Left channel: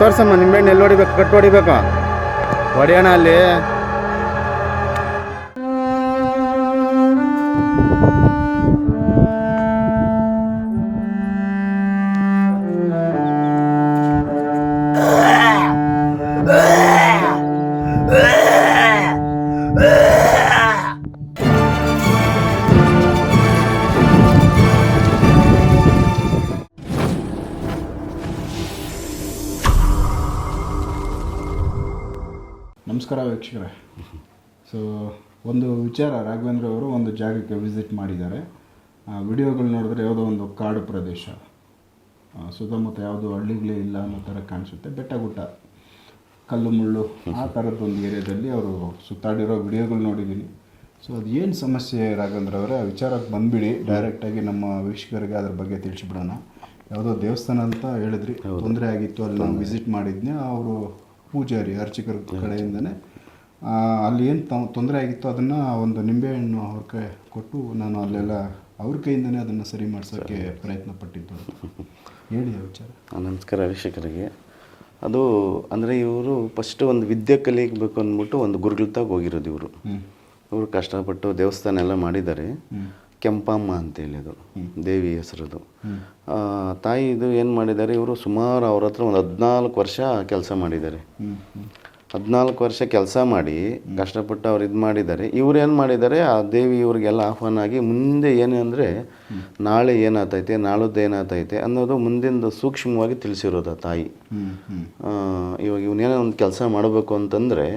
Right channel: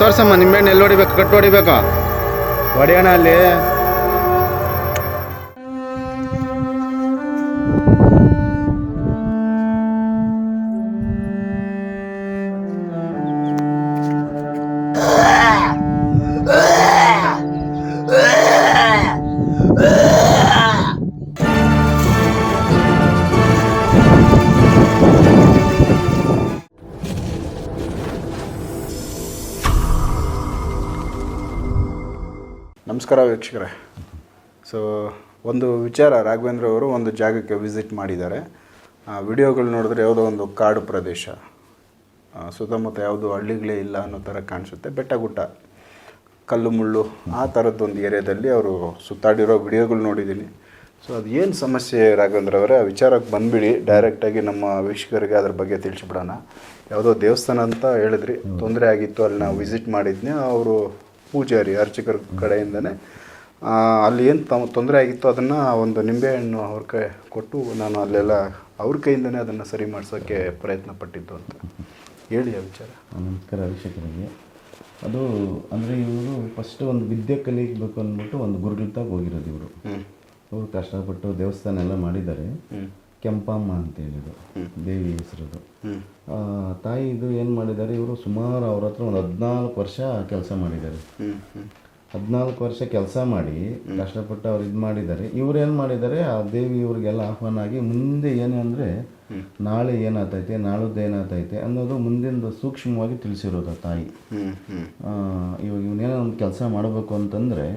ತೋರ್ಸಮ್ಮ ನಿಂಬೆಹಣ್ಣು ಎಲ್ಲಿ ಹೊಡಿಬೇಕು, ಕಟ್ಟು ಹೊಡಿಬೇಕು, ಹೊಡಿಯೋಣ ಅಲ್ಲಿ. ನಮಸ್ಕಾರ ವೀಕ್ಷಕರೇ. ಸೊ ಒಂದು ವಿಚಾರ, ರಾಘವೇಂದ್ರ ಅವರು ಒಂದು ಜಾಗಕ್ಕೆ ವಿಸಿಟ್ ಮಾಡಿದ್ದಾರೆ. ವಿಡಿಯೋಗಳು ನೋಡಿದ್ರೆ ಯಾವುದೋ ಒಂದು ಕಾಡು ಪ್ರದೇಶ, ಸುತ್ತಮುತ್ತ ಯಾವುದೋ ಹಳ್ಳಿಗಳೇ ಇಲ್ಲ ಅನ್ನೋ ಥರ ಕಾಣಿಸುತ್ತೆ. ಬೆಟ್ಟ ಗುಡ್ಡ, ಕಲ್ಲು ಮುಳ್ಳು, ಆ ಥರದ್ದೊಂದು ಏರಿಯಾದಲ್ಲಿ ಅವರು ಸುತ್ತಾಡಿರೋ ವಿಡಿಯೋಗಳು ನೋಡಿದ್ದೀನಿ. ಸೊ ಅದು ಏನು ಸಮಸ್ಯೆ ರಾಘವೇಂದ್ರ ಅವರೇ, ಆ ವಿಚಾರಕ್ಕೆ ಬಂದುಬಿಡಿ. ಡೈರೆಕ್ಟಾಗಿ ನಮ್ಮ ವೀಕ್ಷಕರಿಗೆ ಅದ್ರ ಬಗ್ಗೆ ತಿಳಿಸ್ಬಿಡೋಣ. ಯಾವುದೋ ದೇವಸ್ಥಾನ ಅಂತ ಹೇಳಿದ್ರಿ, ತೊಂದರೆ ಆಗಿತ್ತು, ಅಲ್ಲಿ ನಾವು ವಿಸಿಟ್ ಮಾಡಿದ್ನಿ. ಅವರು ಪೂಜಾರಿ ಅರ್ಚಕರ ಕಡೆಯಿಂದನೇ ಅಲ್ಲಿ ಏನು ತೊಂದರೆ ಆಗಿತ್ತು ಅದನ್ನು ಒಂದು ನಿಂಬೆಹಣ್ಣು ಅವ್ರ ಕೈ ಕೊಟ್ಟು ನಾನು ಅಲ್ಲೆಲ್ಲ ಅವ್ರ ಕೈಯಿಂದನೇ ಅದನ್ನು ಸರಿ ಮಾಡಿಸೋಕ್ಕೆ ಪ್ರಯತ್ನ ಪಟ್ಟಿದ್ದು ಅಂತ ಹೇಳಿ ಆ ವಿಚಾರ. ನಮಸ್ಕಾರ ವೀಕ್ಷಕರಿಗೆ. ಅದು ಅಂದರೆ ಇವರು ಫಸ್ಟ್ ಒಂದು ವಿದ್ಯೆ ಕಲಿಯಬೇಕು ಅಂದ್ಬಿಟ್ಟು ಒಂದು ಗುರುಗಳಾಗ ಹೋಗಿರೋದು ಇವರು ಕಷ್ಟಪಟ್ಟು ದೇವಸ್ಥಾನ ಎಲ್ಲ ಮಾಡಿದ್ದಾರೆ. ಕೆಂಪಮ್ಮ ಅಂತೇಳಿದು ದೇವಿ ಹೆಸರದು. ತಾಯಿ ಇದು ಏನು ಮಾಡಿದ್ದಾರೆ, ಇವರು ಸುಮಾರು ಅವ್ರ ಹತ್ರ ಒಂದು 14 ವರ್ಷ ಕೆಲಸ ಮಾಡಿದ್ದಾರೆ. 14 ವರ್ಷ ಕೆಲಸ ಮಾಡಿ ಕಷ್ಟಪಟ್ಟು ಅವ್ರು ಇದು ಮಾಡಿದ್ದಾರೆ. ಇವ್ರು ಏನು ಮಾಡಿದ್ದಾರೆ, ಆ ದೇವಿ ಇವ್ರಿಗೆಲ್ಲ ಆಹ್ವಾನ ಆಗಿ ಮುಂದೆ ಏನು ಅಂದರೆ ನಾಳೆ ಏನಾಗ್ತೈತೆ, ನಾಳದ್ದು ಏನಾಗ್ತೈತೆ ಅನ್ನೋದು ಮುಂದಿಂದು ಸೂಕ್ಷ್ಮವಾಗಿ ತಿಳಿಸಿರೋದು ತಾಯಿ. ಇವಾಗ ಇವನೇನೋ ಒಂದು ಕೆಲಸ ಮಾಡಬೇಕು ಅಂತಂದರೆ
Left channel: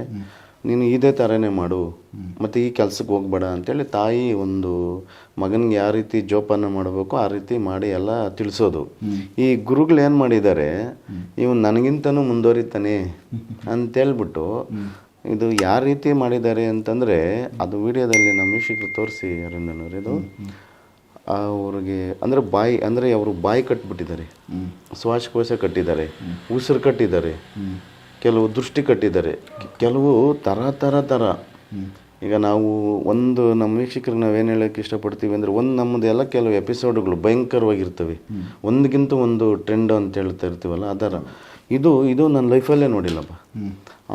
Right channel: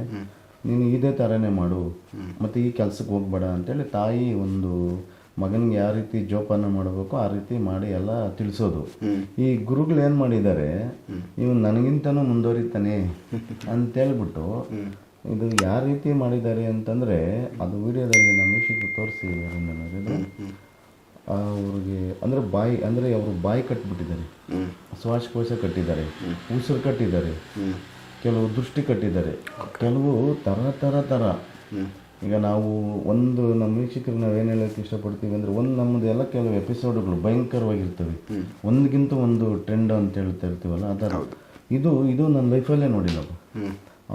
ನೀನು ಇದೇ ಥರನೇ ಮಾಡು, ಮತ್ತು ಈ ಕೆಲಸಕ್ಕೆ ಹೋಗ್ಬೇಡ ಅಂತೇಳಿ ತಾಯಿ ಒಂದು ಮಗನಿಗೆ ಯಾವ ರೀತಿ ಜೋಪಾನ ಮಾಡಬೇಕು ಆ ರೀತಿ ಮಾಡಿ ಎಲ್ಲ ತಿಳಿಸೋದು. ಈ ಗುರುಗಳು ಏನು ಮಾಡಿದ್ದಾರೆ, ಇವನು ನನಗಿಂತನೂ ಮುಂದುವರಿತಾನೆ ಅಂತೇಳ್ಬಿಟ್ಟು ಇದು ಯಾವ ರೀತಿ ಮಾಡಿದ್ದಾರೆ ಅಂತಂದರೆ, ಅದು ವಿಡಿಯೋದಲ್ಲಿ ನಮ್ಮ ವೀಕ್ಷಕರು ತೋರಿಸಿ ಅರಿಂದನವ್ರು. ಇದು ಅವ್ರಿಗೆ ಅಂದರೆ ಬಾಯಿ, ಅಂದರೆ ಅವರು ಬಾಯಿ ಕಟ್ಟಿಬಿಟ್ಟಿದ್ದಾರೆ, ಶ್ವಾಸಕೋಶ ಕಟ್ಟಿದ್ದಾರೆ, ಉಸಿರು ಕಟ್ಟಿದ್ದಾರೆ, ಕೆಲವು ದೃಷ್ಟಿ ಕಟ್ಟಿದ್ದಾರೆ, ಕೆಲವು ಥರ. ಈಗ ನಾವು ಒಂದು ನಮ್ಮ ವೀಕ್ಷಕರಿಗೆ ನಾವೇನು ಹೇಳೋಕ್ಕೆ ಇಷ್ಟಪಡ್ತೀವಿ ಅಂದರೆ, ಒಂದು ನಮ್ಮದೆಲ್ಲ ಕೆಲವು ಎಪಿಸೋಡ್ಗಳು ಭಯಂಕರವಾಗಿರ್ತವೆ, ಒಂದಕ್ಕಿಂತ ಒಂದು ಟ್ರೆಂಡ್ ಅಂತ ಹೇಳ್ತಾ ಇರ್ತೀವಲ್ಲ ಆ ಥರ. ಇದು ನನ್ನ ಲೈಫಲ್ಲೇ ನೋಡಿಲ್ಲಪ್ಪ.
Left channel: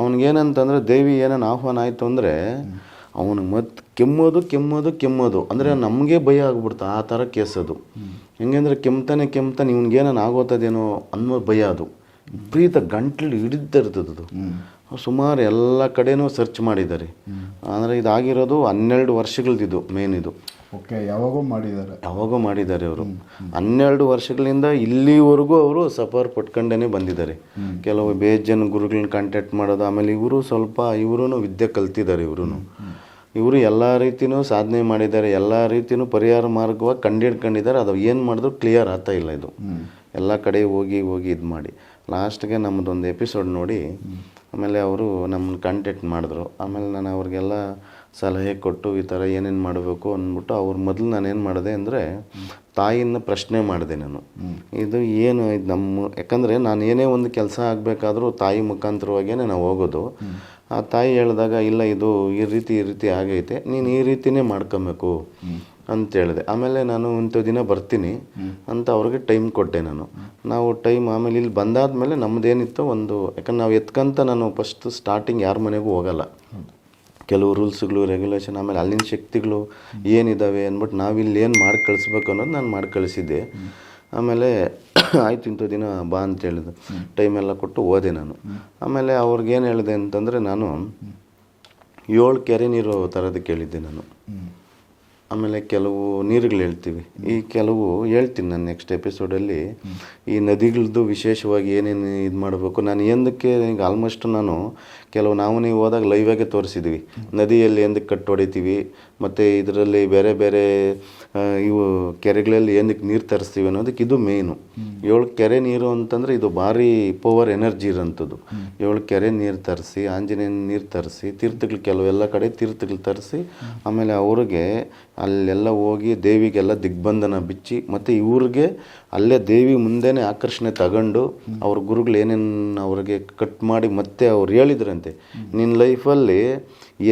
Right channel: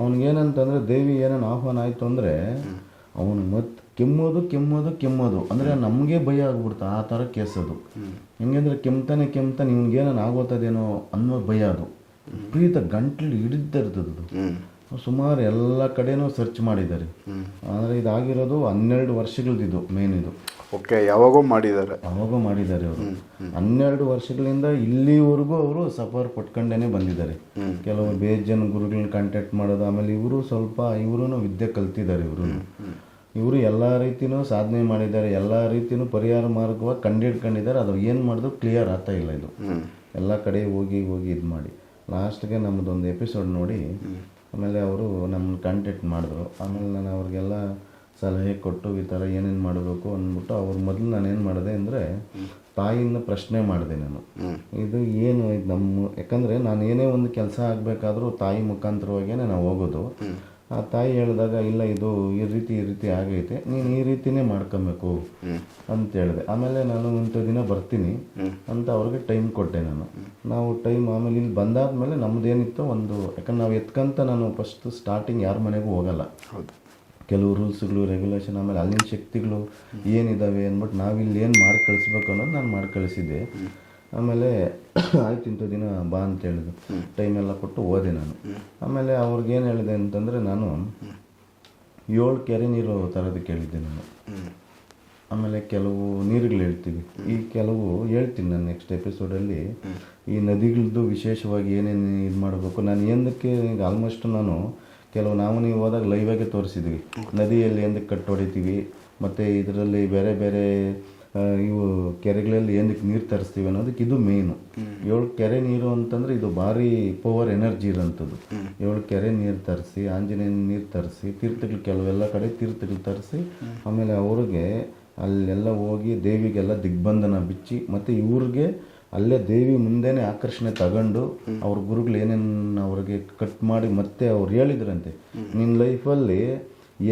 ಅವನಿಗೇನಂತಂದರೆ ದೇವಿ ಏನನ್ನ ಆಹ್ವಾನ ಆಯಿತು ಅಂದರೆ ಅವನು ಮತ್ತೆ ಕೆಮ್ಮೋದು ಅಂದರೆ ನಮಗೆ ಭಯ ಆಗ್ಬಿಡ್ತು, ಆ ಥರ ಕೇಸದು. ಹೆಂಗಂದರೆ ಕೆಮ್ತಾನೆ ಇವನಿಗೇನನ್ನು ಆಗೋತದೇನೋ ಅನ್ನೋ ಭಯ. ಅದು ಪ್ರೀತ ಗಂಟ್ಲು ಹಿಡಿತಾ ಇರ್ತದದು. ಸುಮಾರು ಎಲ್ಲ ಕಡೆನೂ ಸರ್ಚ್ ಮಾಡಿದ್ದಾರೆ. ಅಂದರೆ ಇದಾಗಿರೋದು 12 ವರ್ಷಗಳದ್ದು ಮೇನ್ ಇದು. ಓಕೆ, ಯಾವಾಗೋ ಮಾಡಿದ್ದಾರೆ ಅವರು. 12 ವರ್ಷಗಳಿಂದ ಇಲ್ಲಿವರೆಗೂ ಅವರು ಸಫರ್ ಪಟ್ಕೊಂಡೇ ಬಂದಿದ್ದಾರೆ. ಕೆಲವು ಬೇಜನ್ ಗುರುಗಳನ್ನ ಕಾಂಟ್ಯಾಕ್ಟ್ ಮಾಡೋದು. ಆಮೇಲೆ ಇವರು ವಿದ್ಯೆ ಕಲ್ತಿದ್ದಾರೆ. ಇವರು ಎಲ್ಲ ರೀತಿಯೂ ಸಾಧನೆ ಮಾಡಿದ್ದಾರೆ, ಎಲ್ಲ ರೀತಿಯೂ ಪರಿಹಾರ ಮಾರ್ಗವಾಗಿ ಕಂಡಿಡ್ಕೊಂಡಿದ್ದಾರೆ. ಅದು ಏನು ಮಾಡಿದ್ರು ಕ್ಲಿಯರ್ ಆಗ್ತಾ ಇಲ್ಲ. ಇದು ಎಲ್ಲ ಕಡೆ ಹೋಗಿ ಇದು ಮಾಡಿ ಲಾಸ್ಟ್ಗೆ ನಮ್ಮದೊಂದು ಎಪಿಸೋಡ್ ನೋಡಿ ಆಮೇಲೆ ಅವರು ನಮ್ಮನ್ನು ಕಾಂಟ್ಯಾಕ್ಟ್ ಮಾಡಿದ್ರು. ಆಮೇಲೆ ನಾನು ಅವ್ರಿಗೆಲ್ಲ ಸಲಹೆ ಕೊಟ್ಟು ಈ ಥರ ಏನೇನು ಮಾಡಬೇಕು ಅಂದ್ಬಿಟ್ಟು ಮೊದಲು ನಾನೇನು ಮಾಡಿದೆ ಅಂದರೆ ತಾಯಿನ ಪ್ರಶ್ನೆ ಮಾಡಿದೆ ನಾನು. ಇದು ಯಾಕಂದರೆ ನಾನು ಏನೇ ಒಂದು ಕೆಲಸ ಆಗಬೇಕಾದ್ರೂ ತಾಯಿ ಮುಖಾಂತರವಾಗಿಯೇ ನಾವು ಹೋಗೋದು. ಆ ತಾಯಿ ಹೇಳಿದಾಗ ಇಲ್ಲ, ಇದು ಈ ರೀತಿ ಆಗೈತೆ, ನೀನು ಈ ರೀತಿಯೇ ಮಾಡ್ಕೊಬೇಕು ಅಂತ ಹೇಳಿದೆ. ಆಮೇಲೆ ನಾನು ಇಂಥ ದಿನ ಬರ್ತೀನಿ ಅಂತ ಅವ್ರಿಗೆ ಟೈಮ್ ಕೊಟ್ಟೆ ನಾವು ಟೈಮ್. ಆಮೇಲೆ ಇಲ್ಲಿ ಬಂದಾದ್ಮೇಲೆ ನಮ್ಮದೇನಿತ್ತು ಯಾಕಂದ್ರೆ ನಾವು ಎತ್ಕಂತ ನಾನು ಫಸ್ಟ್ ಸ್ಟಾರ್ಟಿಂಗ್ ಯಾರ ಮನೆಗೂ ಹೋಗಲ್ಲ. ಕೆಲವು ರೂಲ್ಸ್ಗಳು, ರೆಗ್ಯುಲೇಷನ್, ಆಮೇಲೆ ಅಲ್ಲಿನ ಶಕ್ತಿಗಳು ಏನಿದ್ದಾವೆ ಅಂದ್ಬಿಟ್ಟು ನಾವಿಲ್ಲಿ ಏನು ಮಾಡಿ ಕಳಿಸ್ಬೇಕು ಅನ್ನೋದು ನಾನು ಮಾಡಿ ಕಳಿಸಿದ್ದೆ. ಆಮೇಲೆ ಆಯಿತು ಇಂಥ ದಿನ ಬಾ ಅಂತ ಹೇಳಿದ್ದು, ಟೈಮೆಲ್ಲ ಕೊಟ್ಟು ಹೋದೆ ನಾನು. ಆಮೇಲೆ ಅವ್ರಿಗೇನು ಹೇಳಿದೆ ಅಂತಂದರೆ, ನಾನು 7 ಕೆರೆ ನೀರು ಥರದ್ದು ಕೇಳಿದ್ದೆ ನಾನು. ಆಮೇಲೆ ಕೆಲವು ನೀರುಗಳು ಹೇಳ್ತೀವಿ, ಈ ಕೆಲವು ಹೇಳ್ತೀನಿ ನಾನು ನೆಕ್ಸ್ಟ್ ಎಪಿಸೋಡಲ್ಲಿ. ಈ ನದಿಗಳದ್ದು ವಿಶೇಷವಾಗಿ ಏನೇನು ಇದು ಮಾಡಬೇಕು, ನಾನು ಏನಕ್ಕೆ ಈಗ ಆಲ್ಮೋಸ್ಟ್ ನಾನು ನಾವು ನೀವು ಹೋದಾಗ ಲೈವಾಗೆ ತೋರಿಸಿದ್ವಿ. ನದಿಯಲ್ಲಿ ಏನಕ್ಕೆ ಕಟ್ಟು ಹೊಡಿತೀವಿ, ಮತ್ತು ಇದರಲ್ಲಿ ಬೇರೆ ಬೇರೆ ಇವು ಕೆರೆಗಳಲ್ಲಿ ಏನಕ್ಕೆ ನೀರು ತರಿಸ್ತೀವಿ ಅನ್ನೋದಕ್ಕೆ ಇದು ಮೇಯ್ನು. 7 ಕೆರೆ ನೀರು ಅಂತಂದರೆ ಇದು ಭಾರಿ ಪವರ್ ಎನರ್ಜಿ ಇರೋಂಥದ್ದು. 7 ಕೆರೆ ನೀರು ತರಿಸಿ, ಆಂಜನೇಯನ ನೀರು ತರಿಸಿ, ತೀರ್ಥಗಳು ಕೆಲವೆಲ್ಲ ಕಡೆ ತೀರ್ಥಗಳು ತರಿಸಿ, ಆಮೇಲೆ ಅವ್ರಿಗೆ ಅಲ್ಲೆಲ್ಲ ಹೋಗಿ ದೇವಿಗೆಲ್ಲ ದಿಗ್ಬಂಧನ ಬಿಚ್ಚಿ, ಮತ್ತು ಇವ್ರಿಗೆ ಅಲ್ಲೇ ದೇವಿ ಮುಂದೆನೇ ಆಕರ್ಷಣೆ ತಗೊಂಡು ಅವ್ರ ಗುರುಗಳು ಏನೇನು ಅವ್ರಿಗೆ ಕಟ್ ಮಾಡಿ ಮತ್ತೆ ಅವ್ರು ಹೇಳಿದ್ರಂತೆ, ನಿನ್ನ ಲೈಫಲ್ಲಿ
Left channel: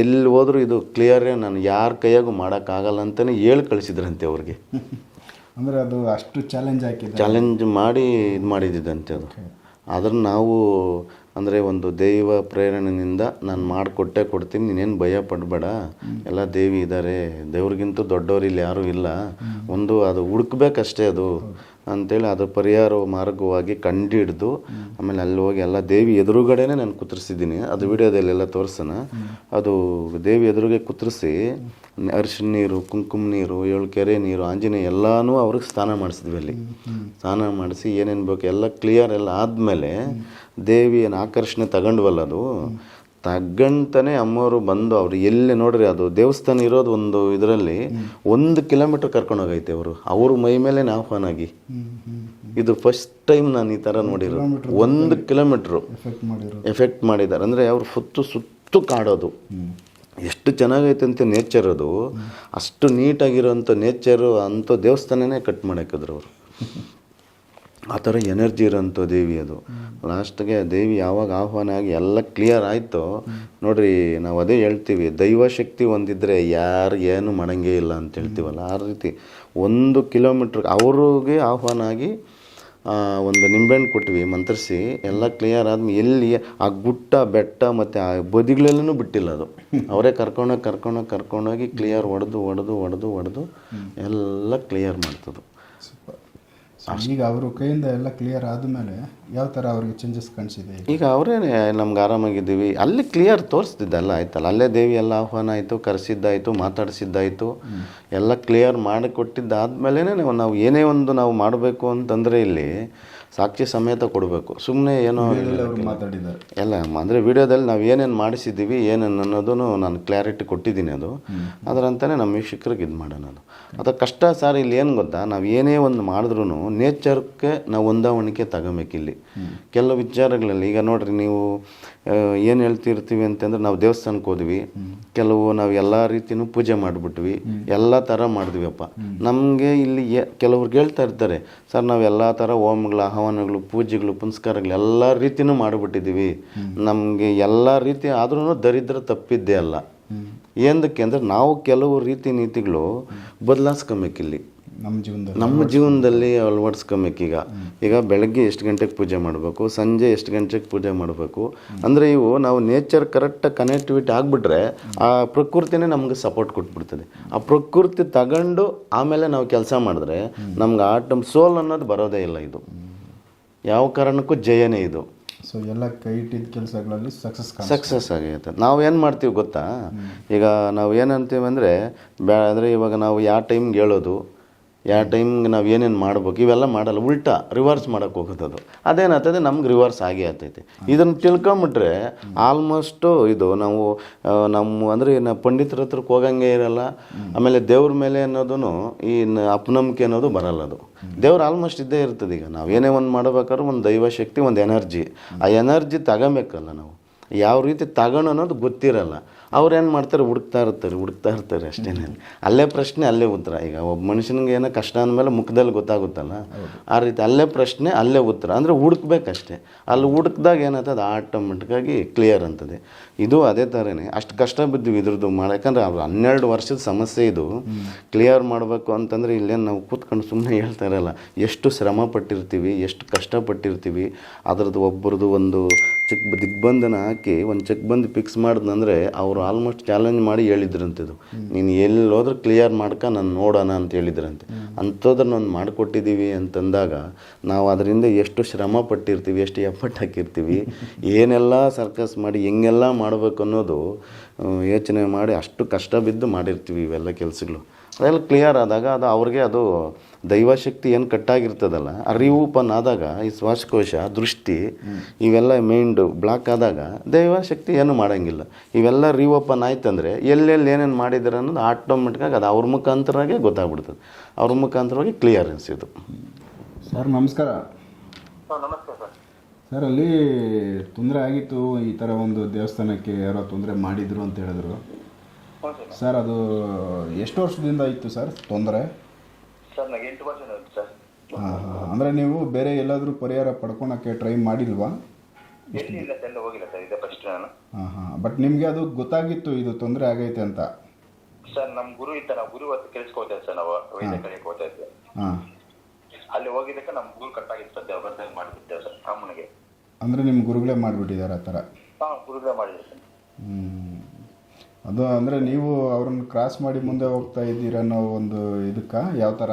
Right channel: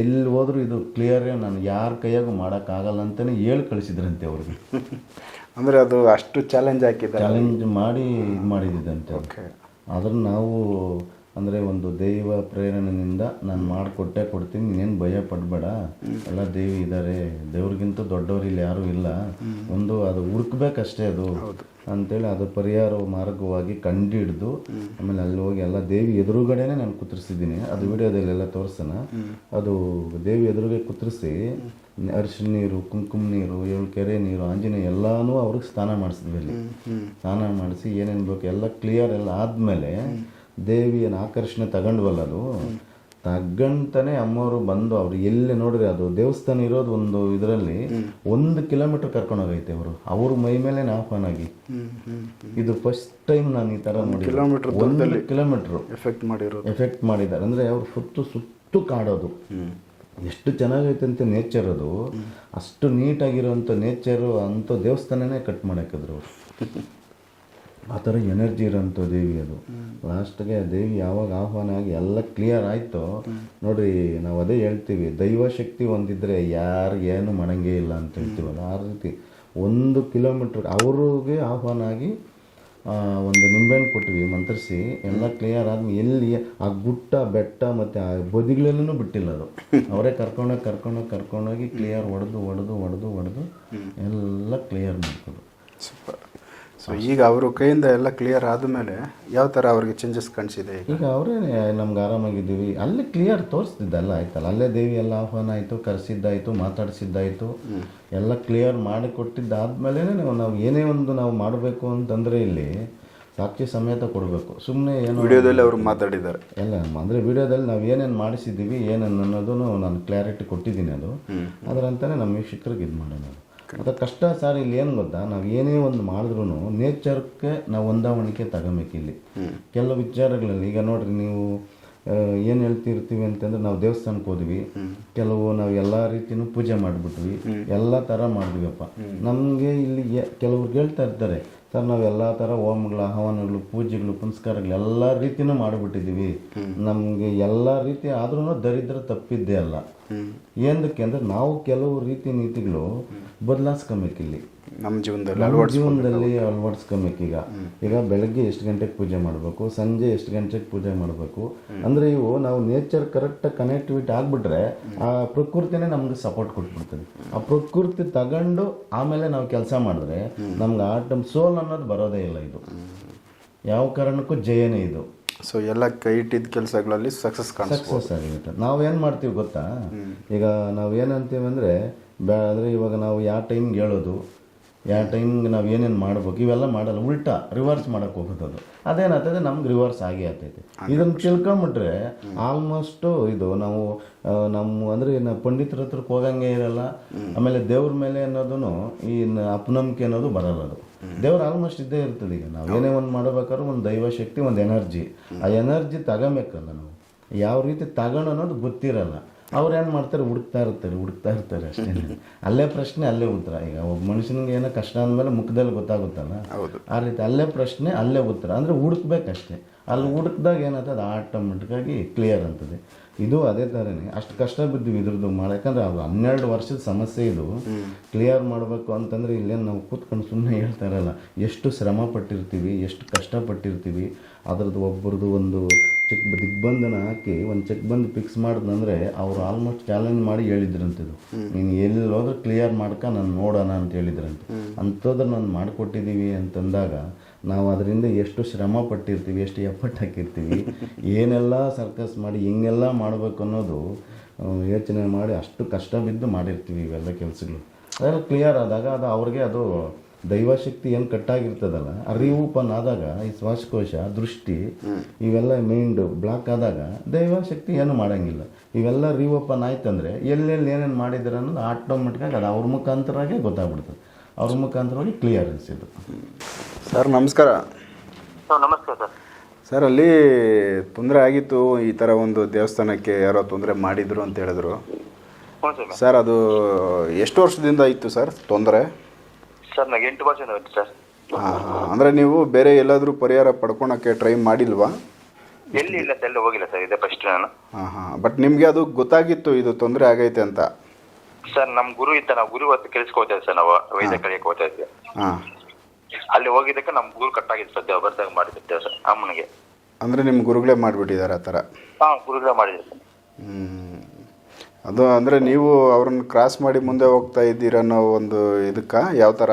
ಎಲ್ಲಿ ಹೋದರೂ ಇದು ಕ್ಲಿಯರೇ, ನಾನು ಯಾರ ಕೈಯಾಗೂ ಮಾಡೋಕ್ಕಾಗಲ್ಲ ಅಂತಲೇ ಹೇಳಿ ಕಳಿಸಿದ್ರಂತೆ ಅವ್ರಿಗೆ. ಅಂದರೆ ಅದು ಅಷ್ಟು ಚಾಲೆಂಜ್ ಮಾಡಿ ಮಾಡಿ ಇದು ಮಾಡಿದ್ದಂತೆ. ಓಕೆ, ಅದನ್ನು ನಾವು ಅಂದರೆ ಒಂದು ದೈವ ಪ್ರೇರಣೆಯಿಂದ ನಾನು ಮಾಡಿಕೊಟ್ಟೆ ಕೊಡ್ತೀನಿ, ನೀನೇನು ಭಯ ಪಡಬೇಡ, ಎಲ್ಲ ದೇವಿ ಇದ್ದಾರೆ, ದೇವ್ರಿಗಿಂತ ದೊಡ್ಡವ್ರು ಇಲ್ಲಿ ಯಾರೂ ಇಲ್ಲ, ಒಂದು ಅದು ಹುಡುಕ್ಬೇಕಷ್ಟೇ ಅದು ಅಂತೇಳಿ ಅದು ಪರಿಹಾರ ಮಾರ್ಗವಾಗಿ ಕಂಡು ಹಿಡ್ದು ಆಮೇಲೆ ಅಲ್ಲಿ ಹೋಗಿ ಎಲ್ಲ ದೇವಿ ಎದುರುಗಡೆನೇ ನಾನು ಕುತ್ರಿಸಿದ್ದೀನಿ. ಅದು ವಿಡಿಯೋದಲ್ಲೆಲ್ಲ ತೋರಿಸೋಣ. ಅದು ದೇವಿ ಎದುರುಗೆ ಕುತ್ರಿಸಿ ಅರಿಶಿನ ನೀರು, ಕುಂಕುಮ ನೀರು, 7 ಕೆರೆ ನೀರು, ಆಂಜನೇಯ ಎಲ್ಲನೂ ಅವ್ರಿಗೆ ಸ್ನಾನ ಮಾಡಿಸಿದ್ವಿ. ಅಲ್ಲಿ ಸ್ನಾನ ಮಾಡಿಸಿ ಏನೇನು ಬೇಕು ಎಲ್ಲ ಕ್ಲಿಯರ್ ಎಲ್ಲ ಆದಮೇಲೆ ದೇವಿಯನ್ನು ಆಕರ್ಷಣೆ ತಗೊಂಡ್ವಲ್ಲ, ಅದು ತಗಂತಾನೆ ಅಮ್ಮವರು ಬಂದು ಅವ್ರು ಎಲ್ಲಿ ನೋಡ್ರಿ ಅದು ದೇವಸ್ಥಾನ ಇರೋದು ಒಂದು ಇದರಲ್ಲಿ 1 ಕಿಲೋಮೀಟರ್ ಕರ್ಕೊಂಡು ಹೋಗೈತೆ ಅವ್ರ ಮೈ ಮೇಲೆ ಆಹ್ವಾನ ಆಗಿ. ಇದು ಫಸ್ಟ್ ಟೈಮ್ ನಾನು ಈ ಥರ ನೋಡಿರೋ. 1 ಕಿಲೋಮೀಟ್ರು ಎಫೆಕ್ಟ್ ಮಾಡಿದ್ದಾರೆ. ಅಂದರೆ ಅವ್ರು ಸುತ್ತು ಕಾಡೋದು ಎಷ್ಟು ಚೆನ್ನಾಗೈತೆ ಅಂತ ನೇಚರ್, ಅದು ಅಷ್ಟು ನೀಟಾಗಿರೋಂಥ ನೇಚರು ಅಂಥ ದೇವಸ್ಥಾನನೇ ಕಟ್ ಮಾಡಾಕಿದ್ರು ಅವರು. ಆ ಥರ ಎನರ್ಜಿ ಇರೋಂಥ ದೇವಿ ಅದು. ಲಾಸ್ಟ್ಗೆ ದೇವಿ ಯಾವಾಗ ಆಹ್ವಾನ ಆಗಿ ಎಲ್ಲ ಕ್ಲಿಯರ್ ಆಯಿತು ನೋಡ್ರಿ, ನಾವು ಅದೇ ಹೇಳ್ತೀವಿ, ದೈವಶಕ್ತಿ ಒಂದಿದ್ರೆ ಯಾರು ಏನು ಮಾಡಂಗೇ ಇಲ್ಲ ಅಂತ ಹೇಳ್ತೀವಲ್ಲ, ಆ ರೀತಿ 1 ಕಿಲೋಮೀಟ್ರ್ ಅವ್ರಿಗೆ ಆಹ್ವಾನ ಆಗಿ ಒಂದು ನಿಂಬೆಹಣ್ಣು ಕೊಟ್ವಿ ಮಂತ್ರಿಸಿ, ಎಲ್ಲ ಕ್ಲಿಯರ್ ಆದ್ಮೇಲೆ ಎಲ್ಲಿ ಆ ಗುಟ್ಟ ಬೆಟ್ಟ ಮತ್ತು ಆ ಬದಿಗಳಲ್ಲೂ ಬಿಟ್ಟಿಲ್ಲ ಅದು. ಅವರೇ ಕರ್ಕೊಂಡೋಗಿ ಕ್ಲಿಯರ್ ಹೊಡೆದು ಎಲ್ಲ ಕ್ಲಿಯರ್ ಮಾಡ್ತದೆ. ಸೂಪರ್. ಸೊ ಈಗ ಅವರು ಕೈಯಿಂದ ಎಲ್ಲ ಕ್ಲಿಯರ್ ಆದಮೇಲೆ ಯಾವ ಥರ ಅವ್ರಿಗೆ ಚೇಂಜಸ್ ಕಾಣಿಸಿದೆ? ಈಗ ಅವರೇ ನಮ್ಗೆ ಆರಾಮಾಗಿದ್ದೀವಿ, ಅಲ್ಲಿ ಕ್ಲಿಯರ್ ತೋರಿಸ್ತಿದ್ದಲ್ಲ ಆಯ್ತಲ್ಲ, ಅಲ್ಲೇ ದೇವಿ ಎಲ್ಲ ಆಹ್ವಾನ ಆಯಿತು, ಕರೆಸಿದ್ದಾಯಿತು, ಮಾತಾಡಿಸಿದ್ದಾಯಿತು, ಎಲ್ಲ ಕ್ಲಿಯರ್ ಮಾಡಿ ಕೊಟ್ಟಿದ್ದಾದ್ಮೇಲೆ ನಾವು ಏನೇ ಒಂದು ನಾವು ಮಾಡಬೇಕು ಅಂತಂದರೆ ಇಲ್ಲಿ ಸಾಕ್ಷಿ ಸಮೇತ ಕೊಡಬೇಕು. ಸುಮ್ಮನೆ ಏನೋ ವಿಡಿಯೋದಲ್ಲಿ ಅವರು ಮಾತಾಡಿದ್ದಾರೆ ಎಲ್ಲ ಅಂದರೆ ವಿಡಿಯೋದಲ್ಲಿ ನಾವು ಏನೇನು ಮಾಡಿಸಿದ್ದೀವಿ ಏನೇನು ಅನ್ನೋದನ್ನು ನಾನು ಕ್ಲಾರಿಟಿ ಕೊಟ್ಟಿದ್ದೀನಿ. ಅದರಂತಾನೆ ನಮ್ಮ ವೀಕ್ಷಕರಿಗೆ ಇದು ಮಾಡೋಣ. ಅದು ಕಷ್ಟ ಸರ್. ಇಲ್ಲಿ ಏನು ಗೊತ್ತಾ, ನಾವು ಏನೇ ಒಂದು ಮಾಡಿದ್ರೂ ನೇಚರ್ಗೆ ನಾವು ಹೊಂದಾವಣಿಕೆ ತಗೋಬೇಕಿಲ್ಲಿ. ಕೆಲವು ವಿಚಾರಗಳಲ್ಲಿ ಈಗ ನೋಡ್ರಿ, ನೀವು ಏನು ಹೇಳ್ತಿರ್ತೀವಿ ಅಂತಂದ್ರೆ ನಾವು ದೇವಸ್ಥಾನಕ್ಕೆ ಹೋದ್ವಿ, ಕೆಲವು ನಾವು ಎಲ್ಲ ರೀತಿಯೂ ಪೂಜೆ ಮಾಡಿಬಿಟ್ವಿ, ಎಲ್ಲ ಥರ ಮಾಡಿದ್ವಿಯಪ್ಪ. ನಮಗೆ ಇಲ್ಲಿ ಕೆಲವ್ರಿಗೆ ಹೇಳ್ತಾ ಇರ್ತಾರೆ, ಸರ್ ನಾವು ಎಲ್ಲ ಥರ ಹೋಮಗಳು, ಆಹ್ವಾನಗಳು, ಪೂಜೆಗಳು, ಪುನಸ್ಕಾರಗಳು ಎಲ್ಲ ರೀತಿಯೂ ಮಾಡಿಬಿಟ್ಟಿದ್ದೀವಿ, ನಮಗೆ ಎಲ್ಲ ರೀತಿ ಆದ್ರೂ ದರಿದ್ರ ತಪ್ಪಿದ್ದೇ ಅಲ್ಲ. ಏನಕ್ಕೆ ಅಂದರೆ ನಾವು ಕೆಲವು ರೀತಿ ನೀತಿಗಳು ಬದಲಾಯಿಸ್ಕೊಬೇಕಿಲ್ಲಿ, ನಮ್ಮ ಜೀವನದಲ್ಲಿ ಅಳವಡಿಸ್ಕೊಬೇಕು. ಈಗ ಬೆಳಗ್ಗೆ ಎಷ್ಟು ಗಂಟೆಗೆ ಪೂಜೆ ಮಾಡಬೇಕು, ಸಂಜೆ ಎಷ್ಟು ಗಂಟೆಗೆ ಪೂಜೆ ಮಾಡಬೇಕು, ಅಂದರೆ ಇವು ನಾವು ನೇಚರ್ ಕರೆಕ್ಟಾಗಿ ಕನೆಕ್ಟಿವಿಟಿ ಆಗಿಬಿಟ್ರೆ ಆ ಪ್ರಕೃತಿನೇ ನಮ್ಗೆ ಸಪೋರ್ಟ್ ಕೊಟ್ಬಿಡ್ತದೆ. ಆ ಪ್ರಕೃತಿ ತಗೊಂಡು ಆಮೇಲೆ ನಾವು ಕೆಲಸ ಮಾಡಿದ್ರೆ ನಮ್ಗೆ ಸೋಲ್ ಅನ್ನೋದು ಬರೋದೇ ಇಲ್ಲ. ಇದು ಯಾವ ಕಾರಣಕ್ಕೂ ಜಯನೇ ಇದು. ಸೊ ಎಲ್ಲ ಕೈ ಇಟ್ಟಿದ್ದ ಕೆಲಸಗಳಲ್ಲಿ ಸಕ್ಸಸ್ ಆಗಿರುತ್ತೆ. ನಾವೇನು ಮಾಡ್ತೀವಿ ಗೊತ್ತಾ, ಈಗ ನಾವು ಏನಂತೀವಿ ಅಂದರೆ ಅಂದರೆ ಇವಾಗ ನಾವು ಯಾವ ಟೈಮ್ಗೆ ಹೇಳೋದು, ಯಾವ ಟೈಮ್ಗೆ ನಾವು ಏನೇನು ಮಾಡ್ಬೇಕು ಇವೆಲ್ಲ ಮಾಡಲ್ಲ, ಉಲ್ಟಾ ರಿವರ್ಸ್ ಮಾಡೋಕ್ಕೆ ಹೋಗೋದು. ಅದೇನಾಗ್ತದೆ, ನಮ್ಗೆ ರಿವರ್ಸ್ ಆಗೇ ಆಗ್ತೈತೆ. ಇದನ್ನು ತಿಳ್ಕೊಂಬಿಟ್ರೆ ಆಲ್ಮೋಸ್ಟು ಇದು ನಾವು ಅಂದರೆ ಪಂಡಿತರ ಹತ್ರಕ್ಕೆ ಹೋಗಂಗೆ ಇರಲ್ಲ. ಆಮೇಲೆ ದೇವ್ರ ಮೇಲೆ ಅನ್ನೋದು ಈ ಅಪನಂಬಿಕೆ ಅನ್ನೋದು ಬರಲ್ಲ. ಅದು ದೇವ್ರು ಆಲ್ಮೋಸ್ಟ್ ಇದ್ದೇ ಇರ್ತದೆ. ಈಗ ನಾವೇನೇ ಒಂದು ಮಾಡ್ಬೇಕಾದ್ರೆ ಒಂದು ದೈವಶಕ್ತಿ, ಒಂದು ಎನರ್ಜಿ, ಆ ಎನರ್ಜಿ ತಗೋಬೇಕಲ್ಲ ನಾವು. ಯಾವ ರೀತಿ ತಗೋಣ ಅನ್ನೋದು ಗೊತ್ತಿರಲ್ಲ. ಅವ್ರು ಏನು ಮಾಡ್ತಾರೆ, ಹುಡುಕ್ತಾ ಇರ್ತಾರೆ ಅಷ್ಟೇ. ಅಲ್ಲೇ ಪ್ರಶ್ನೆ ಅಲ್ಲೇ ಉತ್ತರ. ಈಗ ಒಬ್ಬ ಮನುಷ್ಯನಿಗೆ ಏನೋ ಕಷ್ಟ ಅಂದಮೇಲೆ ಮುಖದಲ್ಲಿ ಗೊತ್ತಾಗುತ್ತಲ್ಲ, ಆ ರೀತಿ ಅಲ್ಲೇ ಪ್ರಶ್ನೆ ಅಲ್ಲೇ ಉತ್ತರ. ಅಂದರೆ ಹುಡುಕ್ಬೇಕಷ್ಟೇ. ಅಲ್ಲಿ ಹುಡುಕ್ದಾಗ ಏನಾಗ್ತದೆ, ಆಟೋಮೆಟಿಕ್ಕಾಗಿ ಕ್ಲಿಯರ್ ಅಂತದೆ. ಇದು ಅದೇ ಥರನೇ ಅಷ್ಟು ಕಷ್ಟ ಬಿದ್ದಿವಿ ಇದ್ರದ್ದು ಯಾಕಂದರೆ ಅವ್ರು 12 ವರ್ಷದ ಸಮಸ್ಯೆ ಇದು. ಕ್ಲಿಯರ್ ಮಾಡಬೇಕು ಅಂತಂದರೆ ಇಲ್ಲೇನು ನಾವು ಕೂತ್ಕೊಂಡು ಸುಮ್ಮನೆ ಹೇಳ್ತಾ ಇರಲ್ಲ, ಎಷ್ಟು ಶ್ರಮ ಪಟ್ಟಿರ್ತೀವಿ, ಎಷ್ಟು ಕಷ್ಟಪಟ್ಟಿರ್ತೀವಿ. ಅದ್ರದ್ದು ಒಬ್ಬರದು ಒಂದು ದಿಗ್ಬಂಧನ ಹಾಕಿ ಒಂದು ಚೆಕ್ ಬಂದು ಫಿಕ್ಸ್ ಮಾಡಿದ್ನಂದರೆ ಅವರು ಆಲ್ಮೋಸ್ಟ್ ಚಾಲೆಂಜ್ ಮಾಡಿ ಹೇಳಿದ್ರಂತಿದ್ದು, ನೀನು ಎಲ್ಲೋದ್ರೂ ಕ್ಲಿಯರ್ ಮಾಡ್ಕ ನಾನು ನೋಡೋಣ ಅಂತ ಹೇಳಿದ್ರಂತೆ. ಅಂಥದ್ದನ್ನು ಒಂದು ಮಾಡಿಕೊಟ್ಟಿದ್ದೀವಿ ಅಂತಂದಾಗ ನಾವು ಅದರಿಂದ ಎಷ್ಟು ಶ್ರಮ ಪಟ್ಟಿರ್ತೀವಿ, ಎಷ್ಟು ಎಫರ್ಟ್ ಹಾಕಿರ್ತೀವಿ, ಏನೆಲ್ಲ ಸರ್ಕಸ್ ಮಾಡಿ ಹೆಂಗೆಲ್ಲ ಮಾಡಬೇಕು ಅನ್ನೋದು ಯೋಚನೆ ಮಾಡಿ ಅಷ್ಟು ಕಷ್ಟ ಬಿದ್ದು ಮಾಡಿರ್ತೀವಿ ಇವೆಲ್ಲ ಕೆಲಸಗಳು. ಅದೆಲ್ಲ ಕ್ಲಿಯರ್ ಆದಾಗ ಅದು ಅವ್ರಿಗೆ ಅದು ದೈವಶಕ್ತಿ ಏನು ಕಟ್ಟಾಗಿರ್ತದಲ್ಲ, ಆ ರೀಓಪನ್ ಆದಾಗ ಈ ಶ್ವಾಸಕೋಶ, ದೃಷ್ಟಿ ಇವೆಲ್ಲ ಮೈಂಡು ಬ್ಲಾಕ್ ಆದಾಗ ದೈವಶಕ್ತಿ ಏನು ಮಾಡೋಂಗಿಲ್ಲ. ಇವೆಲ್ಲ ರೀಓಪನ್ ಆಯ್ತಂದರೆ ಎಲ್ಲೆಲ್ಲಿ ಏನೇನು ಮಾಡಿದ್ದಾರೆ ಅನ್ನೋದು ಆಟೋಮೆಟಿಕ್ಕಾಗಿ ಅದು ಅವ್ರ ಮುಖಾಂತರವಾಗಿ ಗೊತ್ತಾಗ್ಬಿಡ್ತದೆ. ಅವ್ರ ಮುಖಾಂತರವಾಗಿ ಕ್ಲಿಯರೆನ್ಸ್ ಇದು. ಸರ್ ನಮಸ್ಕಾರ. ನಮಸ್ತೆ ಸರ್. ಸರ್ ಅಲ್ಲಿ ತೊಂದರೆ ಆಗಿತ್ತು, ಈ ಥರ ಒಂದು ದೇವಸ್ಥಾನಕ್ಕೆ ಯಾರೋ ತೊಂದರೆ ಮಾಡಿದ್ರು ಅಂತ ಹೇಳಿದ್ರು ಸರ್. ಅದು ಎಷ್ಟು ವರ್ಷದಿಂದ ಇತ್ತು ಸರ್ ತೊಂದರೆ? ಸರ್ ನನಗೆ 8 ವರ್ಷ ಆಯ್ತು ಸರ್. ಅಂದರೆ ನೀವು ಬೇರೆ ಎಲ್ಲಾದರೂ ಪರಿಹಾರ ಪಡ್ಕೊಳಕ್ಕೆ ಟ್ರೈ ಮಾಡಿಲ್ವಾ? ಎಲ್ಲಿ ಇಲ್ಲ ಸರ್, ಎಲ್ಲ ಹೋಗಿಲ್ಲ ಸರ್, ಇದೆ ಫಸ್ಟ್ ನಾನು. ಬಟ್ ನಿಮಗೆ ಅದು ಗೊತ್ತಾಗಿತ್ತು ಇದು ತೊಂದರೆ ಆಗೈತೆ ಅಂತ? ಸರ್ ನಮ್ಮ ಗುರು ಇತ್ತ, ನಾವು ಗುರು ಹೊತ್ತು ಕೆಲ್ಸಕ್ಕೆ ಹೋಗ್ತಾ ಸರ್, ನಾವು ವೈದ್ಯ ಕಲಿಯಕ್ಕೆ ಹೋಗ್ತಾ ಇದ್ವಿ. ಅಲ್ಲಿ ಹೋಗಿದ್ದಕ್ಕೆ ನಮ್ಮ ಗುರು ಕಟ್ಟಾಗಿತ್ತು ಸರ್, ದೇವ ಬರ್ದಾಗ ಮಾಡಿದ್ದೆ ಸರ್ ಅಮ್ಮನಿಗೆ. ಅಂದರೆ ನಿಮ್ಮ ಗುರುಗಳೇ ಮಾಡಿಬಿಟ್ಟಿದ್ದಾರೆ ಆ ಥರ. ಹಾಂ, ಗುರುಗಳೇ ಮಾಡಿದ್ರು ಸರ್. ಅದು ಅಂದರೆ ನೀವು ಅವ್ರನ್ನ ಕ್ರಾಸ್ ಮಾಡಿ ಮುಂದೆ ಹೋಗ್ತಾ ಇದ್ದೀರ ಅನ್ನೋ ಒಂದು ಇದಕ್ಕೆ ಯಾವ ಥರ?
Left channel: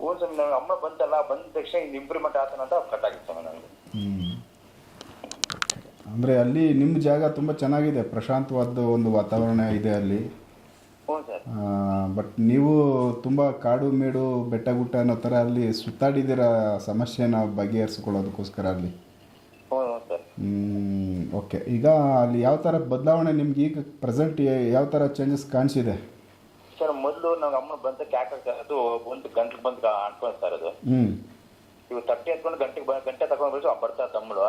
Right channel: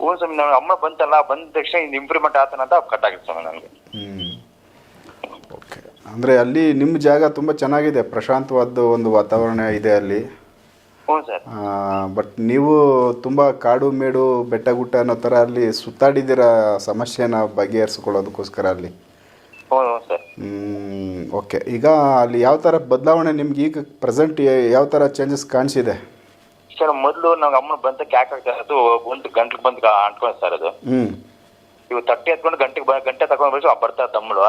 ಹ್ಞೂ ಸ್ವಾಮಿ, ನಾವು ಅಮ್ಮ ಬಂತಲ್ಲ, ಬಂದ ತಕ್ಷಣ ಇದು ಇಂಪ್ರೂವ್ಮೆಂಟ್ ಆತನ ಅಂತ ಕಟ್ ಆಗಿತ್ತು ಸ್ವಾಮಿ ನನಗೆ. ಓಕೆ. ಅಂದರೆ ಅಲ್ಲಿ ನಿಮ್ಮ ಜಾಗ ತುಂಬ ಚೆನ್ನಾಗಿದೆ, ಪ್ರಶಾಂತವಾದ ಒಂದು ವಾತಾವರಣ ಇದೆ ಅಲ್ಲಿ. ಹ್ಞೂ ಸರ್. ಬಟ್ ನೀವು ತುಂಬ ಕಾಡು ಮೇಡು ಬೆಟ್ಟ ಗುಟ್ಟ ಅನ್ನೋ ಥರ ಅಲ್ಲಿ ಸುತ್ತಾಡಿದ್ದೀರ ಸಮಸ್ಯೆನ ಬಗೆಹರಿಸ್ಕೊಳ್ಳೋದಕ್ಕೋಸ್ಕರ ಅಲ್ಲಿ. ಹ್ಞೂ ಸರ್. ಓಕೆ. ಈಗ ಅಲ್ಲಿ ಯಾವ ಥರ ಬದಲಾವಣೆ ನಿಮ್ಗೆ ಈಗ ಪ್ರೆಸೆಂಟ್ ಯಾವ ಥರ ಚೇಂಜಸ್ ಕಾಣಿಸಿದೆ? ಸರ್, ಮೊದಲು ನಮ್ಗೆ ಅಮ್ಮನ ಬಂತ ಕ್ಯಾಕ್ ಆಗ್ತಾ ಇರೋದು, ಗಂಟ್ಲಿಗೆ ಬಂದು ಅಂಟ್ಕೊಂಡು ಸರ್ ಅದು. ಇವಾಗ ತಟ್ಟೆ ಎತ್ಕೊಂಡು ಗಂಟೆ ತಗೊಂಡು ಬರ್ತಾ ತಮ್ಮಳು.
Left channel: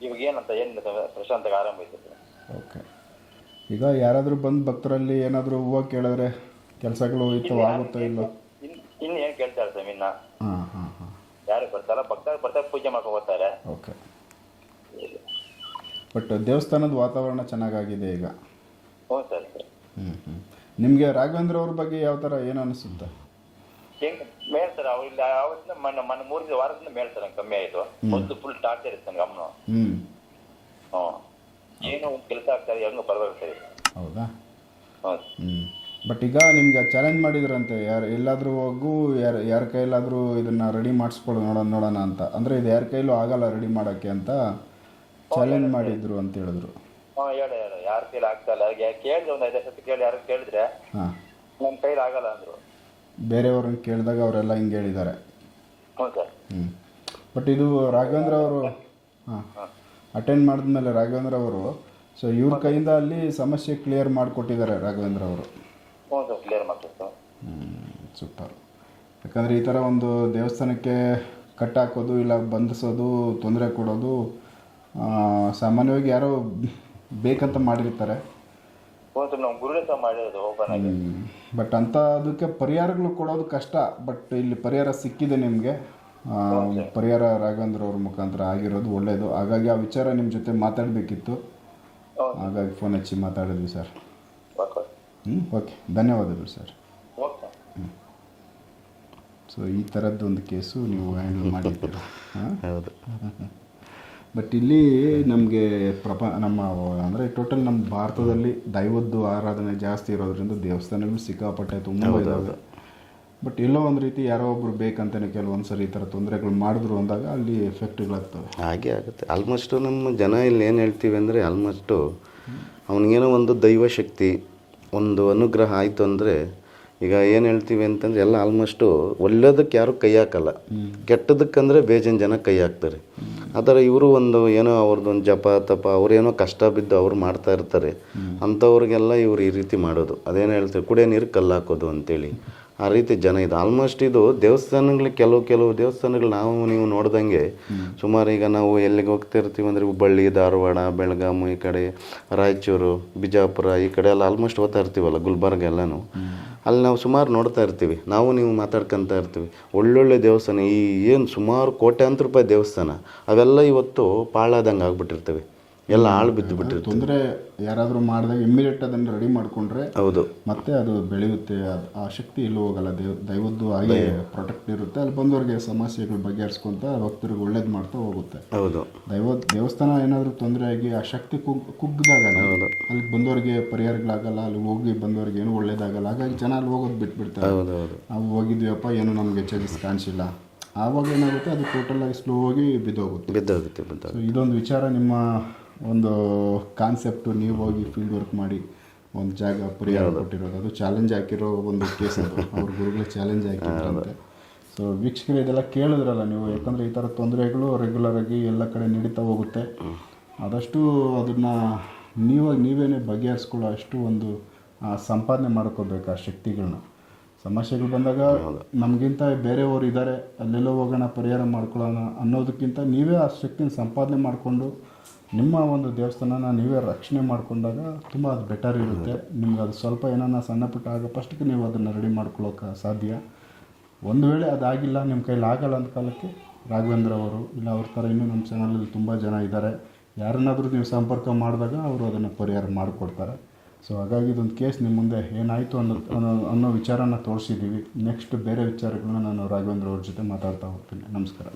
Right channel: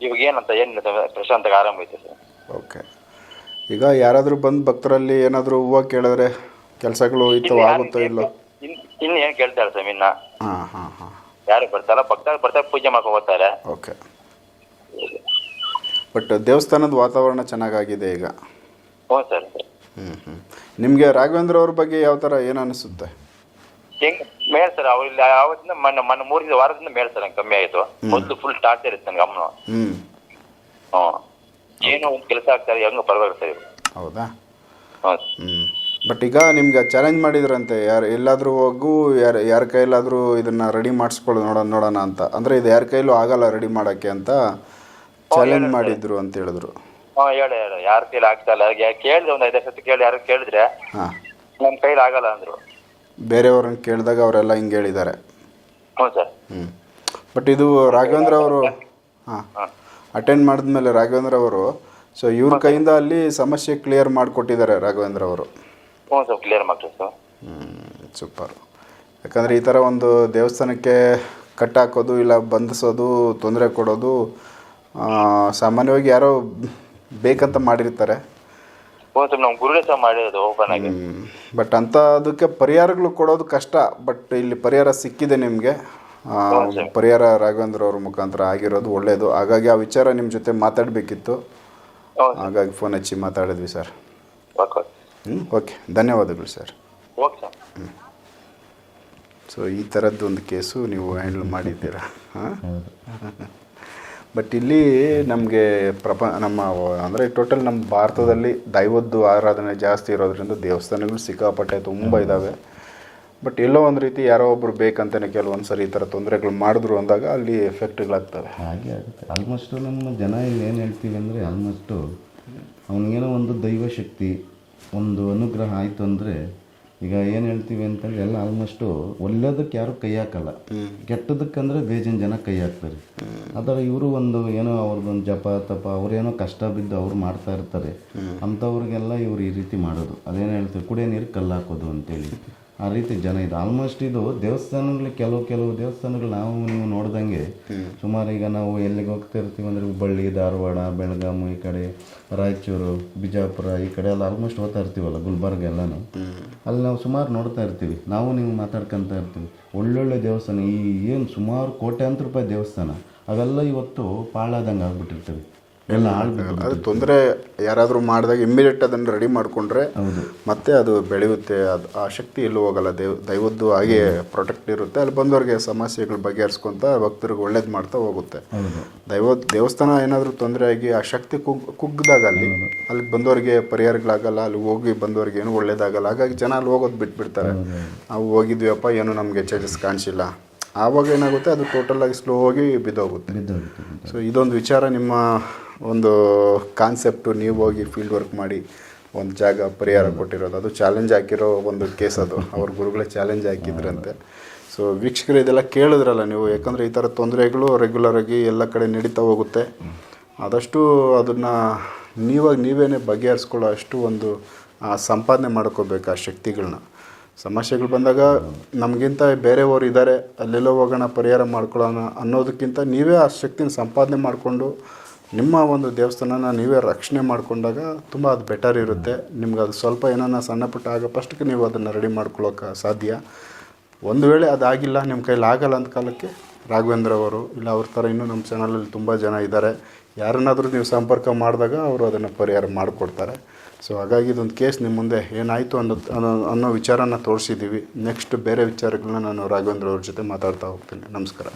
ಇವಾಗ ಏನಂತ ಏನು ಪ್ರಶಾಂತಾಗ ಆರಾಮ ಐತೆ ಸರ್. ಓಕೆ. ಈಗ ಯಾರಾದರೂ ಬಂದು ಭಕ್ತರಲ್ಲಿ ಏನಾದರೂ ಹೂವು ಕೇಳಿದ್ರೆ ಕೆಲಸಗಳು ಆಗುತ್ತೋ ಇಲ್ಲೋ? ಇನ್ನು ಏನು ಕೇಳ್ತಾರೆ ಸ್ವಾಮಿ? ಇನ್ನ ಹಾಂ ಯಾರು ಬರ್ತಾರ, ಬರ್ತಾರೆ ಪೂಜೆ ಮಾಡ್ಕೊಂಡು ಹೋಗ್ತಾರೆ. ಓಕೆ. ಬಟ್ ದೇವಸ್ಥಾನದ ವಾತಾವರಣ ಚೆನ್ನಾಗಾಗಿದೆ ಈಗ. ಹ್ಞೂ ಸರ್. ನಿಮಗೆ ರಾಘವೇಂದ್ರ ಅವ್ರ ಬಗ್ಗೆ ಯಾವ ಥರ ಏನು ಅನಿಸುತ್ತೆ? ಹೆಂಗ್ ಮೇಲ್ ಸರ್, ಅವ್ರು ಇಲ್ಲಿ ಆವತ್ತಿಂದ ಮೊನ್ನೆ 3 ವಾರದಿಂದ ಮೇಲ್ ಸರ್, ನಂಗೆ ಕಮ್ಮಿ ಆಯಿತು. ಮೊದಲು ಫುಲ್ ಟಾರ್ಚರ್ ಇತ್ತು ನನಗೆ ಅಮ್ಮನು. ಏನೋ ಒಂದು ಕೆಲಸ ಆಗ್ತಾರೆ, ಹೆಂಗ ಪರವಾಗಿಲ್ಲ ಸರ್ ಇವರು. ಹೌದಾ? ಹ್ಞೂ. ಬಟ್ ಈಗ ನಿಮ್ಗೆ ಚಾಲೆಂಜ್ ಮಾಡಿದ್ರಂತೆ, ಎಲ್ಲಾದರೂ ಹೋಗು, ಯಾರ ಕೈಲಾದರೂ ಇದನ್ನು ರೆಡಿ ಮಾಡಿಸ್ಕೊಳ್ಳಿ ನೋಡೋಣ ಅಂತ. ಅಂದರೆ ಇದು ಯಾರ ಕೈಲೂ ಆಗಲ್ಲ ರೆಡಿ ಮಾಡೋಕ್ಕೆ ಅಂತ ಚಾಲೆಂಜ್ ಮಾಡಿದ್ರು ಅಂತ ಹೇಳಿದ್ರು. ಹೇಳ ಯಾರ ಕೈಲಿ ಆಗ್ತಾ ಇಲ್ಲ. ಕೇಳಿದ್ರೆ ಒಂದು 5 ಸತಿ ಕೇಳಿ, ಯಾರು ಕೇಳಿದ್ರೆ ನಮ್ಮ ಕೈಲಿ ಆಗಲ್ಲ ಅಂದರು. ಬೇರೆಯವ್ರನ್ನ ಕೇಳಿದಾಗ ಅವರೆಲ್ಲ ಹಿಂಗೆ ಹೇಳಿದ್ದಾರೆ. ಹ್ಞೂ ಸರ್. ಬಟ್ ಇದು ರಾಘವೇಂದ್ರ ಅವರು ಅಟೆಂಡ್ ಮಾಡಿದ್ಮೇಲೆ ರಾಘವೇಂದ್ರ ಅವರು ಸೊ ಇವ್ರ ಕೈಯಿಂದ ಅಲ್ಲಿ ಸಮಸ್ಯೆ ಕ್ಲಿಯರ್ ಮಾಡಿಕೊಟ್ಟಿದ್ದಾರೆ ರಾಘವೇಂದ್ರ ಅವರು. ಹ್ಞೂ ಸರ್, ಕ್ಲಿಯರ್ ಮಾಡ್ತೀವಿ ಸರ್. ಸೂಪರ್. ಯಾಕಂದರೆ ಈ ಥರ ಒಂದು ದೇವಸ್ಥಾನಕ್ಕೆ ಕಟ್ಟಾಕೋದು ಇಲ್ಲ ಬಂಧಿಸೋದು, ತೊಂದರೆ ಕೊಡೋದು ಸಾಮಾನ್ಯವಾಗಿ ಯಾರೋ ಬೇಕಂತ ಮಾಡಿರ್ತಾರೆ. ನಮ್ಮ ಗುರುಗಳೇ ಸಹ ಮಾಡಿರೋದು ಓಪನ್ ಆಗಿ. ಬಟ್ ಅಂತ ಅದಕ್ಕೆ ಪರಿಹಾರಗಳು ಕೊಡೋದು ಕಷ್ಟ. ಬಟ್ ಇಲ್ಲಿ ಪರಿಹಾರ ಸಿಕ್ಕಿದೆ ನಿಮಗೆ. ಪರಿಹಾರ ರಾಘವೇಂದ್ರ ಅವ್ರ ಮುಖಾಂತರ ಆಗಿರೋದು ಒಳ್ಳೆಯದು. ಹಾಗಾಗಿ ಆ ವಿಚಾರ ನಿಮ್ಮ ಜೊತೆ ಮಾತಾಡಬೇಕಿತ್ತು, ಹಾಗಾಗಿ ಫೋನ್ ಹಚ್ಚಿ ಮಾತಾಡಿದ್ವಿ ಸರ್. ಓಕೆ, ಧನ್ಯವಾದಗಳು ಸರ್. Okay sir. ಸೊ ಈ ಥರದ್ದು ಒಂದು ಕೇಸು ನೀವು ಹ್ಯಾಂಡಲ್ ಮಾಡಿದ್ದೀರಾ? ಹೌದು. ಬಟ್ ಇಲ್ಲಿ ನಮಗೆ ನಮ್ಮ ಅಂದರೆ ಟೋಟಲ್ ನಮ್ಮ ಭಾರತದಲ್ಲಿ ದೈವದ್ದು ಆರಾಧನೆ ಜಾಸ್ತಿ ಇರೋದ್ರಿಂದ ದೇವಸ್ಥಾನಗಳು ಸಿಕ್ಕಾಪಟ್ಟೆ ತುಂಬ ಇದ್ದಾವೆ. ಬಟ್ ಎಲ್ಲೋ ಒಂದು ರೀತಿ ಯಾರೋ ಒಬ್ಬರು ಬೇಕಂತಲೇ ಕೆಲವೊಂದು ಸರಿ ಈ ಥರ ತೊಂದರೆಗಳು ಮಾಡಿದ್ರು ಅಂದಾಗ ಅಲ್ಲಿ ಎಫೆಕ್ಟ್ಗಳಾಗ್ತವೆ. ಹಾಗೆ ಆಗುತ್ತೆ. ಆಲ್ಮೋಸ್ಟು ನಮ್ಮ ಜನ ಇಲ್ಲಿ ಏನು ಹೇಳ್ತೀವಿ ಅಂದರೆ, ಆಲ್ಮೋಸ್ಟು ಅವನಿಗೇನೋ ಒಂದು ದೈವ ಶಕ್ತಿ, ಒಂದು ಅನುಗ್ರಹ ಆಯಿತು ಅಂದರೆ, ಈಗ ಏನು ಹೇಳ್ತೀವಿ ಅಂತಂದರೆ ಎಲ್ಲ ಆಲ್ಮೋಸ್ಟು ಒಳ್ಳೆಯದಕ್ಕೆ ಯಾರು ಕೈ ಹಾಕಲ್ಲ, ಕೆಟ್ಟದಕ್ಕಂದರೆ ಬೇಜನ್ ಜನ ಕೈ ಹಾಕ್ತಾರೆ. ಆ ಥರ ಇವರು ಒಂದು ಏನೋ ಅವ್ರದ್ದೊಂದು ಜಪ ತಪ ಅವ್ರೇನೋ ಕಷ್ಟ ಬಿದ್ದು ಅವ್ರು ಮಾಡ್ತಾ ಇರ್ತಾರೆ. ಅಂಥವ್ರಿಗೆಲ್ಲ ಇವರು ಈ ರೀತಿ ಮಾಡೋದು. ಅದೇನು ಹೇಳ್ತಾರೆ, ಕುಡಿಯೋ ನೀರು ಕಲ್ಲು ಹಾಕೋದು ಅಂತೇಳಿ ಆ ರೀತಿ ಜನ ಇದು. ಆಲ್ಮೋಸ್ಟ್ ಇದು ದೇವಸ್ಥಾನಗಳಿಗೆ ಕೆಲವು ದೇವಸ್ಥಾನಗಳು ನಾವು ನೀವು ನೋಡ್ದಂಗೆ ಸುಮಾರು ಈಗ ನಾವು ಎಲ್ಲಿಗೆ ಹೋಗ್ತಿರ್ತೀವಿ ಅಂದರೆ ಹುಬ್ಬಳ್ಳಿ, ಧಾರವಾಡ, ಬೆಳಗಾವಿ, ಈ ಕಡೆ ರಾಯಚೂರು, ಬಿಜಾಪುರ ಈ ಕಡೆ ಎಲ್ಲ ಆಲ್ಮೋಸ್ಟ್ ಹೋಗ್ತಾ ಇರ್ತೀವಲ್ಲ, ಗುಲ್ಬರ್ಗ ಎಲ್ಲನೂ ಅಲ್ಲಿ ನಾವು ಸುಮಾರು ನೋಡ್ತಾ ಇರ್ತೀವಿ. ನಾವು ನೀವು ಮಾತಾಡ್ಕೊತಾ ಇರ್ತೀವಿ. ಒಳ್ಳೊಳ್ಳೆ ದೇವಸ್ಥಾನ, ಈ ಏನು ಸುಮಾರು ಕೋಟ್ಯಾಂತರ ರೂಪಾಯಿ ದೇವಸ್ಥಾನ ಅವೆಲ್ಲ ಇವತ್ತು ಪಾಳಾದಂಗೆ ಆಗ್ಬಿಟ್ಟಿರ್ತವೆ, ಎಲ್ಲ ಹಾಳು ಬಿದ್ದು. ತೊಂದರೆ ಯಾರಾದರೂ ಮಾಡಿದಾಗ ಇಮ್ಮಿಡಿಯೇಟ್ ಅದನ್ನು ರೆಡಿ ಮಾಡಿಕೊಂಡ್ರೆ ಹೌದು ಮತ್ತೆ ಅದು ಬೆಳೆಯುತ್ತೆ. ಅದು ಆ ಶಕ್ತಿ ಎಲ್ಲೂ ಹೋಗಲ್ಲ. ದೈವದ್ದು ಹಾಗೆ ಪ್ರೊಟೆಕ್ಟ್ ಇರುತ್ತೆ. ಅಲ್ಲಿ ಬಂದವ್ರಿಗೆ ಸಮಸ್ಯೆಗಳು ಬಗೆಹರಿಸ್ಕೊಂತ ಭಕ್ತರಿಗೆ ಒಳ್ಳೇದು ಮಾಡ್ತಾ ಹೋಗುತ್ತೆ. ಹೌದು. ದೇವಸ್ಥಾನ ಏನಾದರೂ ತೊಂದರೆ ಆಗಿ ಆ ಶಕ್ತಿ ಕುಗ್ಗಿದಾಗ ಅಲ್ಲಿ ಬಂದವರಿಗೆ ಪರಿಹಾರಗಳಾಗಲ್ಲ, ಅಲ್ಲಿ ಹೋಗಿ ಬಂದವ್ರಿಗೆ ಏನೂ ಒಳ್ಳೇದಾಗಲ್ಲ. ಹಾಗಾಗಿ ಜನ ಅಲ್ಲಿ ಹೋಗೋದು ಬಿಟ್ಬಿಡ್ತಾರೆ. ನಾವು ಹೋಗಿದ್ವಿಯಪ್ಪ, ಏನೂ ನಮಗೆ ಚೇಂಜಸ್ ಕಾಣಿಸಿಲ್ಲ. ಆವಾಗ ಏನಾಗುತ್ತೆ, ಅದು ಟೋಟಲಾಗಿ ಸ್ಲೋ ಆಗಿ ಬಿದ್ದೋಗುತ್ತೆ. ಸೊ ಇದೊಂದು ವಿಚಾರ, ನಿಮ್ಮ ಒಂದು ಕಾನ್ಸೆಪ್ಟು, ನೀವು ಹೋಗಿ ಫೀಲ್ಡ್ ವರ್ಕ್ ಮಾಡಿ ಒಂದು ಜಾಗ ಪರಿಹಾರ ಕೊಟ್ಟಿರೋದು, ಅದು ಚಾಲೆಂಜ್ ಹಾಕಿರೋ ಒಂದು ಕೇಸ್ ಅದು. ಅವ್ರ ಗುರುಗಳೇ ಚಾಲೆಂಜ್ ಹಾಕಿದ್ರಂತೆ. ಸೊ ವೀಕ್ಷಕರು ಇದೆಲ್ಲ ಕೇಳಿದ್ರಲ್ಲ ನೀವು, ಯಾಕಂದರೆ ಈ ಥರ ತೊಂದರೆಗಳು ರೆಗ್ಯುಲರಾಗಿ ಎಲ್ಲ ಕಡೆ ನಡೀತಾ ಹೋಗುತ್ತೆ. ಆದಷ್ಟು ಅದನ್ನು ನೀವೇನೇ ಬಗೆಹರಿಸ್ಕೊಳ್ಳೋ ಅಷ್ಟು ಒಂದು ಸಂಪಾದನೆ ಮಾಡ್ಕೋಬೇಕು ಆ ಶಕ್ತಿಗಳನ್ನ. ಸಮಸ್ಯೆಗಳು ಬಂದಾಗ ನಮಗಿಂತ ಬೇರೆಯವರು ಇದ್ದಾರೆ, ಅಲ್ಲೆಲ್ಲೋ ಹೋಗೋಣ ಪರಿಹಾರ ಮಾಡ್ಕೊಳ್ಳೋಣ ಅನ್ನೋದಕ್ಕಿಂತ ನೀವೇ ಆ ಶಕ್ತಿನ ಸಂಪಾದನೆ ಮಾಡಿಕೊಂಡು ನಿಮ್ಮ ಒಂದು ದೇವಸ್ಥಾನನ ನೀವೇ ರಕ್ಷಣೆ ಮಾಡಿಕೊಂಡಾಗ ತುಂಬ ಅದು ಬೆಟರ್ ಇರುತ್ತೆ. ನಿಮ್ಗೆ ಅದು ಸ್ವಲ್ಪ ಏನಾನ ಸಣ್ಣ ಪುಟ್ಟ ಆಗೋ ಫಸ್ಟ್ಗೆ ನೀವು ಅದನ್ನು ರೆಡಿ ಮಾಡ್ಕೊಳ್ಳೋಕೆ ಸಾಧ್ಯ. ಒಂದು ವೇಳೆ ಅದಾಗಿಲ್ಲ, ನಿಮ್ಮ ಕೈಲಿ ಆಗಲ್ಲ ಅಂತ ಕಾಲಕ್ಕೆ ರಾಘವೇಂದ್ರ ಅವರು ಇಲ್ಲ ಅವ್ರ ಥರ ಇನ್ನೂ ನಮ್ಮ ಚಾನಲಲ್ಲಿ ತುಂಬ ಜನ ಇದ್ದಾರೆ. ಯಾರನ್ನಾದರೂ ನೀವು ಸಂಪರ್ಕ ಮಾಡಿದಾಗ ಅವರು ಅದನ್ನು ಪರಿಹಾರ ಮಾಡಿಕೊಡ್ತಾರೆ. ಸೊ ಹಾಗಾಗಿ ಇದೊಂದು ಕೇಸ್ ನಿಮ್ಮ ಮುಂದೆ ಏನಾಯಿತು ಅನ್ನೋ ವಿಚಾರನ ತೋರಿಸಿದ್ದೀವಿ. ನೆಕ್ಸ್ಟ್ ಬೇರೆ ವಿಚಾರಗಳನ್ನ ನಾನು ರಾಘವೇಂದ್ರ ಅವ್ರ ಜೊತೆ ಮಾತಾಡ್ತಾ ಹೋಗ್ತೀನಿ. ನಮಸ್ಕಾರ.